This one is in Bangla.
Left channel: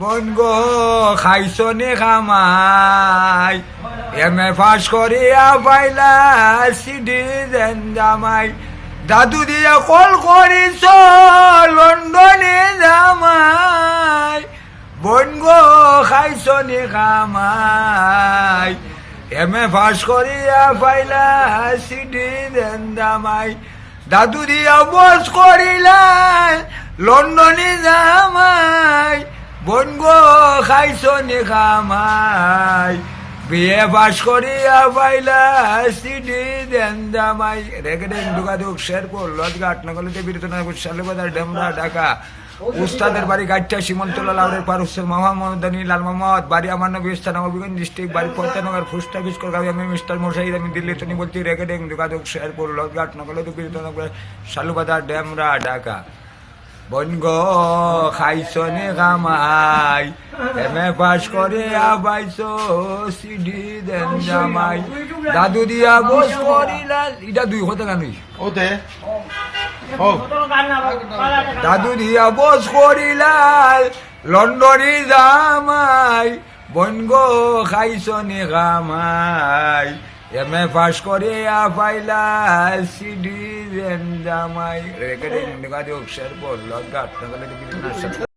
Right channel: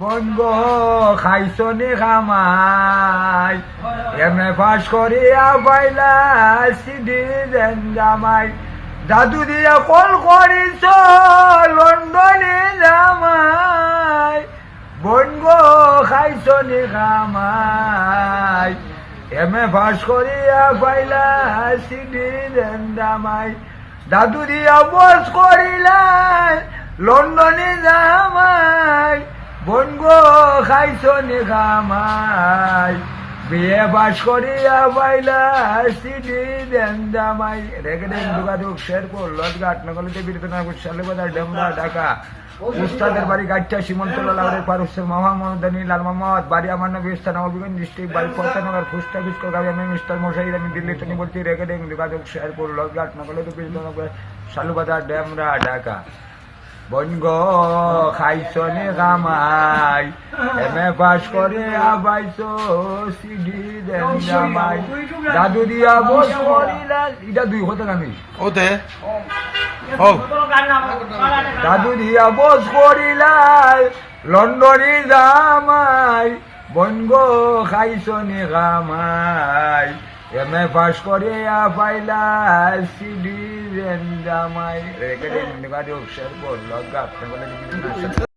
বন গো খাইছনি খামাই এম.এ পাস করিয়া পাইলা সিডি দেন জামাই দাদু দিয়া কল করিছ লন্ডনে জামাই বন গো খাইছনি খামাই এম.এ পাস করিয়া পাইলা সিডি দেন জামাই দাদু দিয়া বস করিলা লন্ডনে জামাই বন গো খাইছনি খামাই বিয়ে পাস করিয়া পাইলা সিডি দেন জামাই রেগেডেন দুগাদুক শেরপুর লজগা আটনগলিতে বীরতনা সালে বাজার ডেমরা ঢাকা উস্তাদের বাড়ি গাড়িটা সীমন্তলা লাউরের পার উৎসর মামা মোহাম্মদানি লাল মোহাম্মদ বাড়ি আমার নবী স্থান নবীগঞ্জ ডিস্ট্রিক্ট বাড়ি পর্তানগর ফুস্টা বিস্কর গাবি আমি মিস্টার মোসাইদ আমি দিল্লি তো নিবর্তি রেগেডেন দুগাদুক শেরপুর লজগা আটনগলিতে বীরতনা সালু বাজার ডেমরা ঢাকা বন গো খাইছনি খামাই এম.এ পাস করে আবাইছো সিডি দেন জামাই দাদু দিয়া বস করিলা এটা দুই হতে গানি ওতে ও দাদু দিয়া বস করিলা লন্ডনে জামাই বন গো খাইছনি খামাই এম.এ পাস করে পাইলা সিডি দেন জামাই রেখে দিন গাজক শেরপুর লজ্জা